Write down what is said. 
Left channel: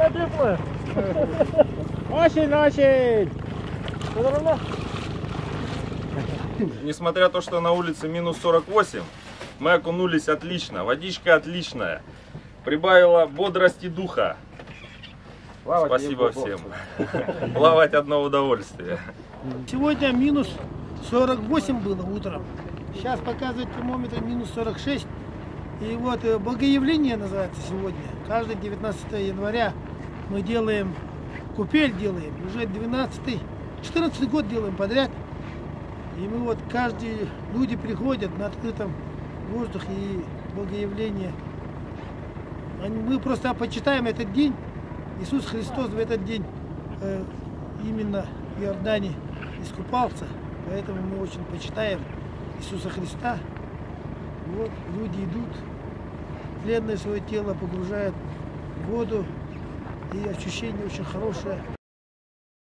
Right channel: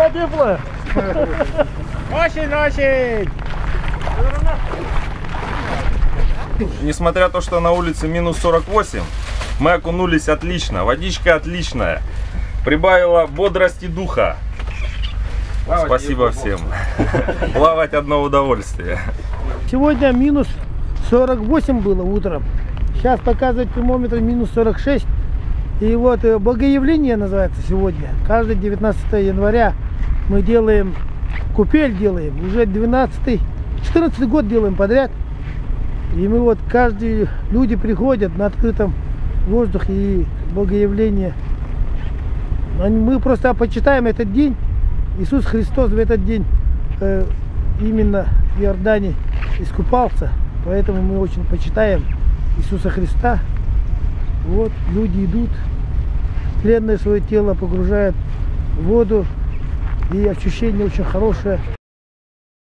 Вода теплая. Очень-очень! Несмотря на то, что на улице минус 48, мы окунулись отлично, водичка отличная, прибавила бодрости духа. Спасибо всем. Плавать одно удовольствие. Сегодня минус 48 было утром. Сейчас показывает термометр минус 46. И вот Богоявление называется сегодня. Каждое 19 января мы делаем, купель делаем. Уже 14 год делаем подряд. И мы вот люди приходят на открытом воздухе и Богоявление. Мы просто почитаем этот день. Иисус Христос в этот день именно в Иордане искупался. Поэтому мы очень почитаем Иисуса Христа. Вот люди идут, тленное свое тело погружают в воду. И ощущение очень хорошее.